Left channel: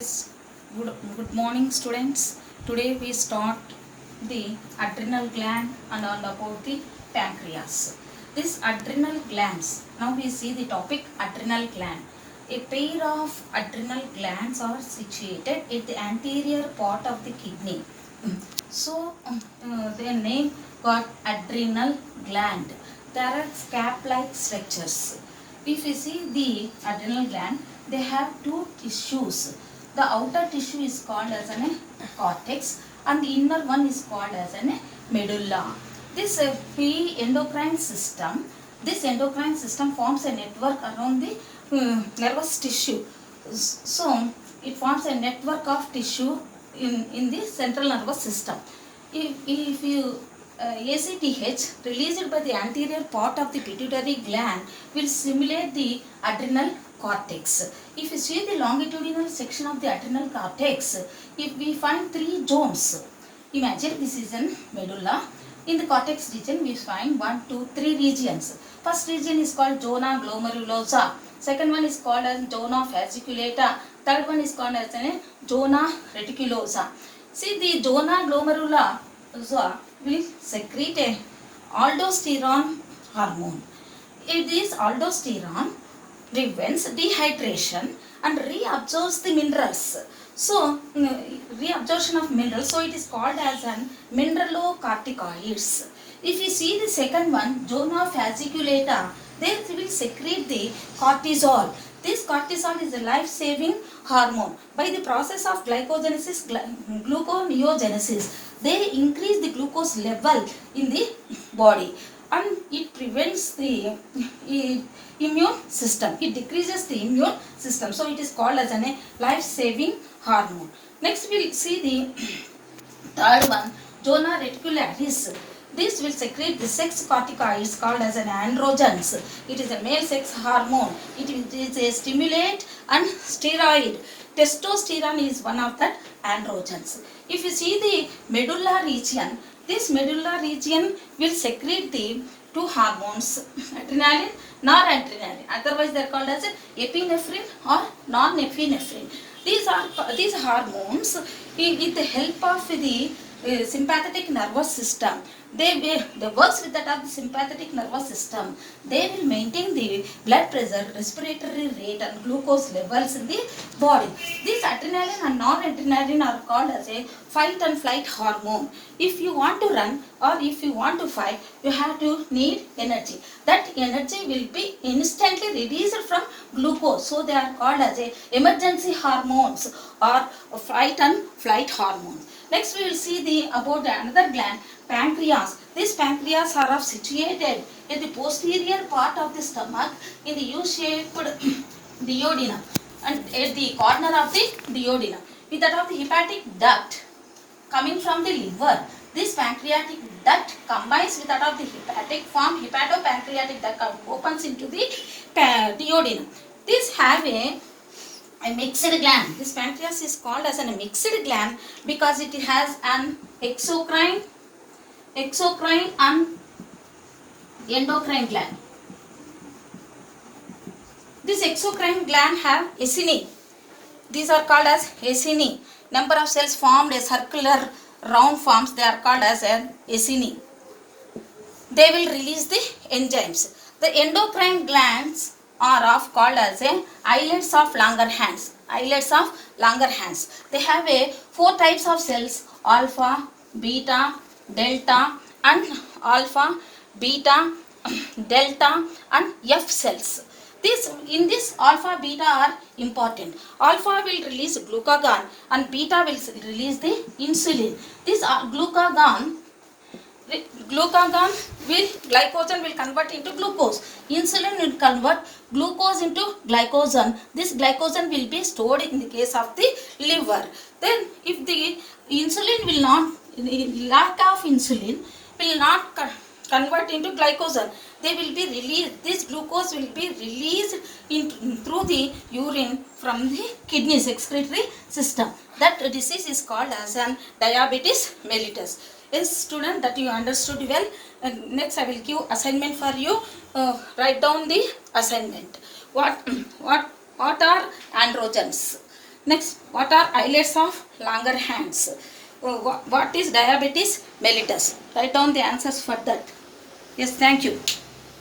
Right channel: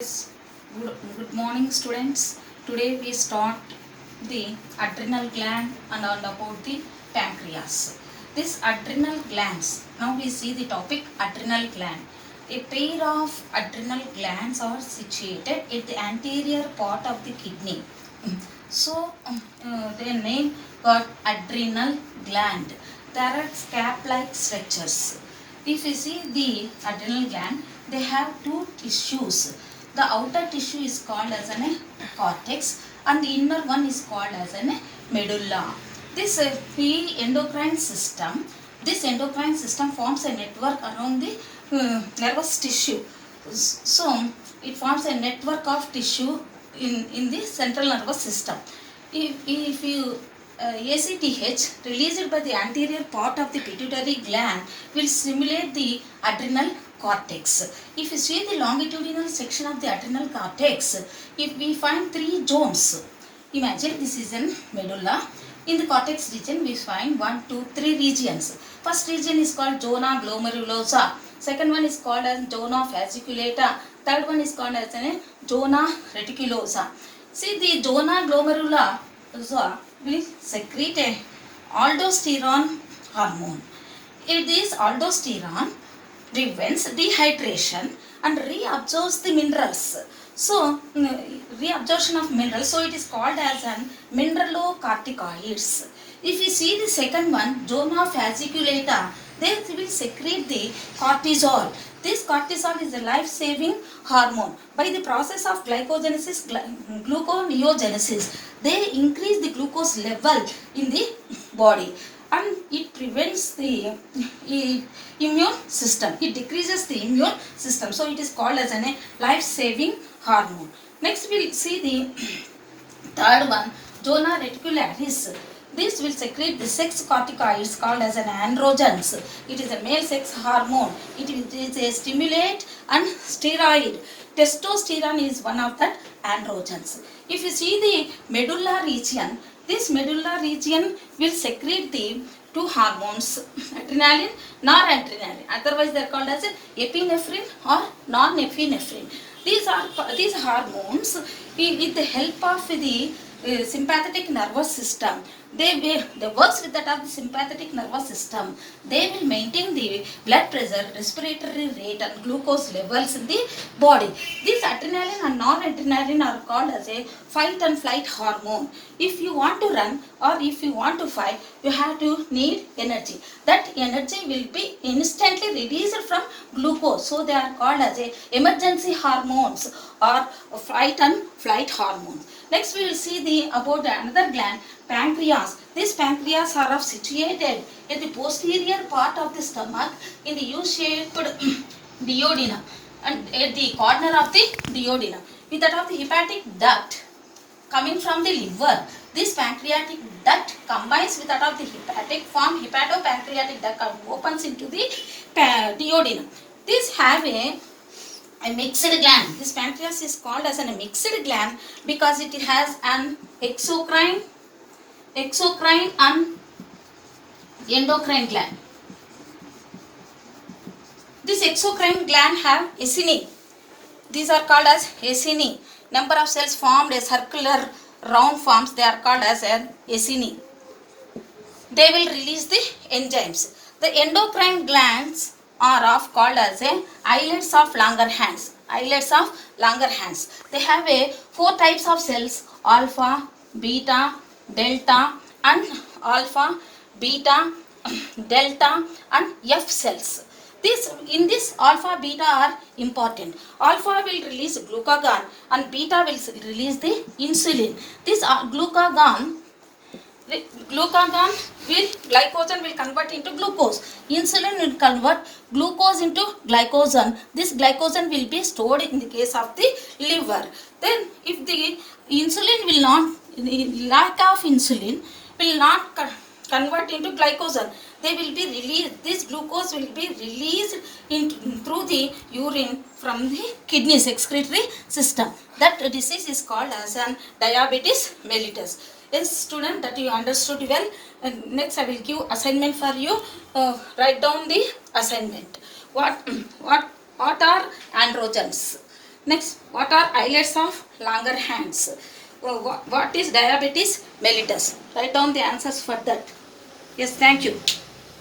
Yes, good morning students. Today we start the adrenal gland and all about the pancreas. This adrenal glands, now we see the topic adrenal gland. A pair of adrenal glands are situated at the anterior part of the kidney. So their name got adrenal gland. There are scap-like structures. If you see the adrenal gland, they have two tissues. The outer tissue is called as a cortex and the inner one is called as a medulla. This this endocrine system forms a network around the nervous tissue. So it forms a network of tissue in the central nervous system. If you ACTH released by the anterior part of the pituitary gland will stimulate the adrenal cortex. If you see the longitudinal section of the adrenal cortex, if we find three zones, imagine this is an medulla. In the cortex region, we find 1, 2, 3 regions. First region is called zona glomerulosa. Second one is called as zona fasciculata. Third one is called as zona reticulosa. See, the zona glomerulosa will secrete a aldosterone hormone. This aldosterone prevents dehydration and reabsorbs the minerals. So, reabsorption of minerals, so it is called as an mineralocorticoids. If you see the second one, zona fasciculata, they will secrete the cortisol. This cortisol is a life-saving hormone. By the process of glycogenesis, gluconeogenesis, they increase the glucose level in the body and it prevents the immune system. It decreases the immune system. So it is called as a life-saving hormone. Next we will see the third one, zona reticularis. This will secrete the sex corticoids called as an androgens. It is a male sex hormone. It is a stimulate and steroid. Testosterone is one of the androgens. If you see the medulla region, this medulla region will secrete the two hormones, adrenaline, noradrenaline. Otherwise, they are called as epinephrine or norepinephrine. These hormones, with the help of the sympathetic nervous system, they works with that of the sympathetic nervous system. They will maintain the blood pressure, respiratory rate and glucose levels in the body. These adrenaline and noradrenaline are called as a fight and flight hormone. If you want to run or if you want to fight, you have to need energy. That energy will be instantly released from glucose. So they are called as a emergency hormones or fight and flight hormones. Next we will see about another gland, pancreas. These pancreas are situated at the posterior part of the stomach in the U-shaped duodenum and at the corner of the duodenum with that of the hepatic duct coming from the liver. This pancreatic duct combines with that of the hepatic form hepatopancreatic duct opens into the duodenum. These have a mixed gland. This pancreas is called as a mixed gland because it has an exocrine and endocrine gland. This exocrine gland have acini. These are called as acini. Number of cells formed a circular round forms. They are called as an acini. They will release the enzymes. The endocrine glands are called as islets of Langerhans. Islets of Langerhans. They have 4 types of cells: alpha, beta, delta, and alpha, beta, delta, and F cells. In this alpha, beta are important. Alpha will release glucagon and beta will release the insulin. This glucagon glycogen will convert into glucose. Insulin will convert glucose into glycogen. This glycogen will be stored in the case of the liver. Then if the insulin will not, lack of insulin will not convert into glycogen, they will be released. This glucose will be released through the urine from the kidneys excretory system. That disease is called as an diabetes mellitus. Yes, student, that you understood well. And next I will give assignment for you. Write down the assignment. What are androgens? Next, what are islets of longer hands? What is diabetes mellitus? Write down the answers for that. Yes, thank you.